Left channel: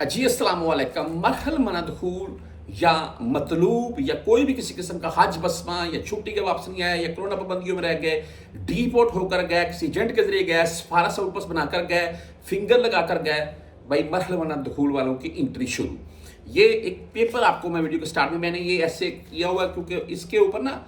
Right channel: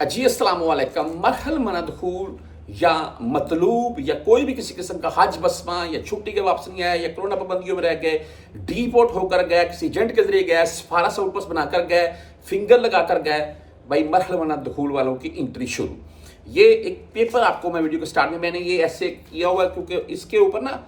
जी अस्सलाम वालेकुम। मरहल मनदखूल या मतलूब या कोई भी किसी किस्म का हज बसमा या छुट्टी के वापस नहीं आया या कोरोना पाबंदियों में रह गए, डिपोर्ट होकर गए, किसी एजेंट के जरिए गए, सफारा सऊपस बनाकर गए, फिंगर लगाकर गए, भाई मरहल मनदखूल वालों की एंट्री शुरू। ये एक पेपर आपको मैं वीडियो के स्टार्ट में मैंने ये ऐसे किया हुआ है क्योंकि इसके ऊपर ना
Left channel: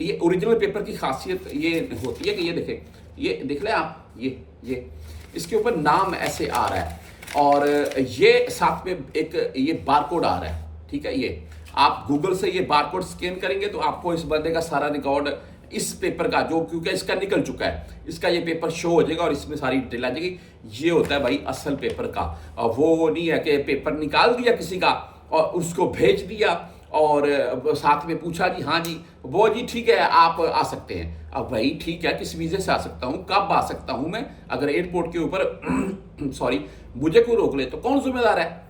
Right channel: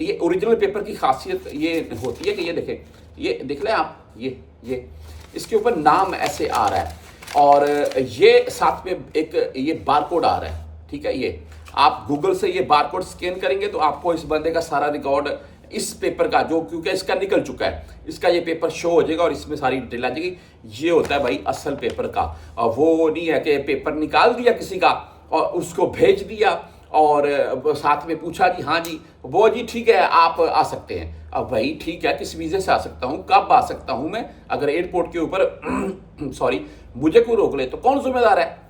ये ओरिजिनल पेपर की खासियत ये होती है कि ये देखें, ये देख लें आप, ये इसके ऊपर नाम ऐसे आ रहा है और ये साथ में एक ये बारकोड आ रहा है। ठीक है, ये आप गूगल से ये बारकोड स्कैन करेंगे तो आपको इस बंदे का सारा रिकॉर्ड इस पेपर का जो क्योंकि इसका निकल चुका है, इसका ये पेपर शो हो जाएगा और इसमें सारी डिटेल आ जाएगी। ये होता है भाई असल पेपर का। वो नहीं है कि पेपर निकाल दिया किसी का और उसको भेज दिया और साथ में पूछा जी हाँ जी वो जी ठीक है आप आ सकते हैं। अब भाई ठीक है, किस वीजे से आ सकता हूं, कब आ सकता हूं मैं? अगर एयरपोर्ट के ऊपर सॉरी मुझे कोई रोक ले तो कौन जिम्मेदार है?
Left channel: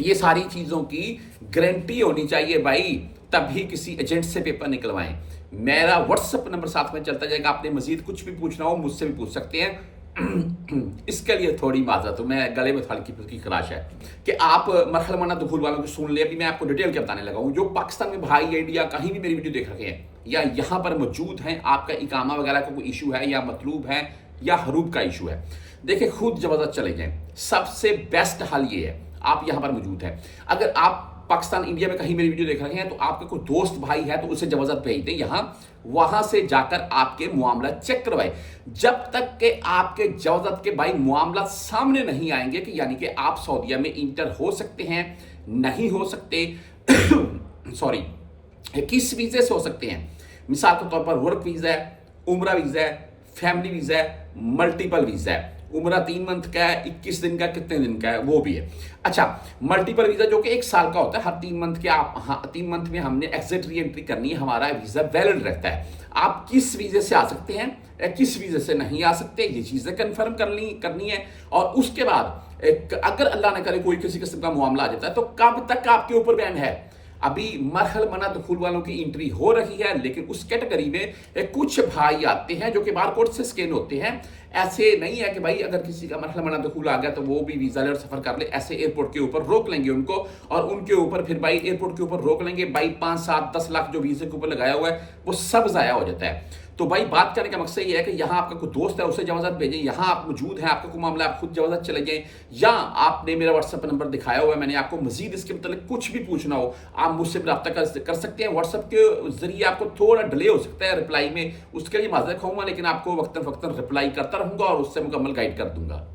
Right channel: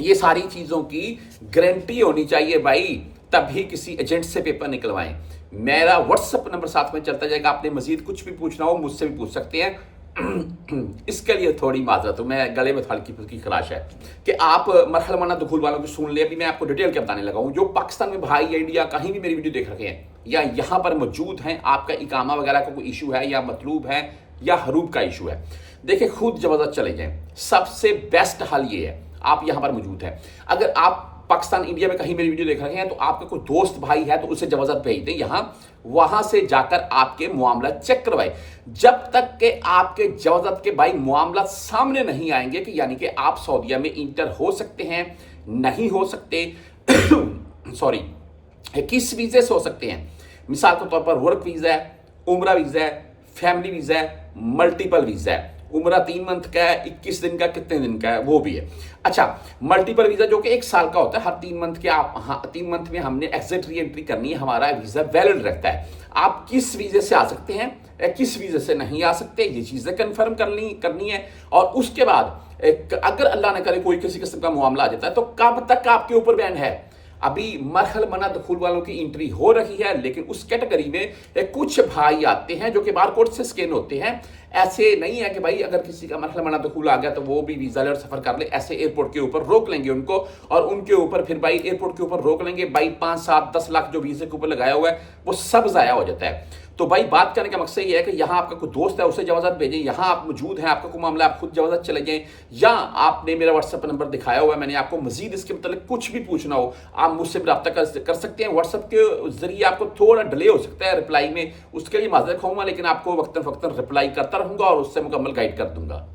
ये सारी चीजों की गारंटी होनी चाहिए भाई, तभी किसी एजेंट से पेपर निकलवाएं। मेरा व्हाट्सएप नंबर साथ में चलता जाएगा, आपने मजीद कुछ भी पूछना हो मुझसे भी पूछ सकते हैं। इसके लिए थोड़ी माजरत, मैं गले में हल्की फुल्की खराश है कि आप मरहल मनदखूल वालों की सुन ले। अभी मैं आपको डिटेल के बताने लगा हूं। जो पाकिस्तान में भाई या इंडिया कहीं भी मेरी वीडियो देख रहे हैं या यहां पर मौजूद हैं, आपका इकामा वगैरह का कोई इशू है या मतलूब है या हरूब का इशू है, देखिए खुद जबरदस्त चले जाएं। सबसे बेस्ट हल ये है, आप यहां पर मौजूद हैं। अगर आप पाकिस्तान इंडिया में कहीं मेरी वीडियो देख रहे हैं तो आपका कोई दोस्त भाई है तो उसे जबरदस्त भेज दें यहां, वहां से जाकर आपके मामला चेक करवाए। जब तक के आपके जबरदस्त के भाई मामला सामने नहीं आएंगे कि यानी कि आप सऊदीया में इंटर हो सकते हैं, नहीं हो सकते सॉरी किस वीजे से हो सकते हैं। मिसाल के तौर पर वर्क वीजा है, उम्रा वीजा है, फैमिली वीजा है, मल्टीपल वीजा है। उम्रा 3 मंथ का है, 21 दिन का, कितने दिन का है वो भी है। अच्छा, मल्टीपल वीजा जो कि 1 साल का होता है, हर 3 मंथ के आप 3 मंथ में हमने एग्जिट री एंट्री करनी है, हमारा वीजा वैलिड रहता है। आप किस वीजे से आ सकते हैं, किस वीजे से नहीं आ सकते, ये चीजें कंफर्म करनी है। और उसके बाद अगर अल्लाह न करे कोई किसी किस्म का मामला आ जाता है तो कब तक आपके ऊपर बैन है? अभी मरहल मनदखूल वालों की एंट्री हो रही है, लेकिन उस कैटेगरी में कुछ भाई आते हैं जो कि बारकोड से स्कैन होते हैं। ऐसे नहीं है कि भाई अगर किसी का मरहल मनदखूल आ गया तो वो भी वीजा ले और सफर कर ले, ऐसे एयरपोर्ट के ऊपर रोक लेंगे उनको और उनके ऊपर फिर भाई एयरपोर्ट के ऊपर रोक लेंगे भाई। 5, 7, 10 लाख जो वीजे के ऊपर लगाया हुआ है वो सब जाया हो जाता है। तो भाई बात करने का मकसद ये है कि यहाँ आपका कोई दोस्त है उसे जबरदस्त भेजें, यहाँ आप मौजूद हैं, आपका कोई मामला आप खुद जबरदस्त चले जाएं, या आपने मेरा व्हाट्सएप नंबर दिखाया हुआ है, मैंने आपको मजीद इसके मतलब कुछ भी पूछना हो आप मुझसे रब्ता कर सकते हैं। व्हाट्सएप के जरिए आपको थोड़ा डिले हो सकता है रिप्लाई में, उसके लिए माजरत खाऊंगा, लेकिन आपको वक्तन फक्तन रिप्लाई करता रहूंगा और उससे मुकम्मल गाइड कर दूंगा।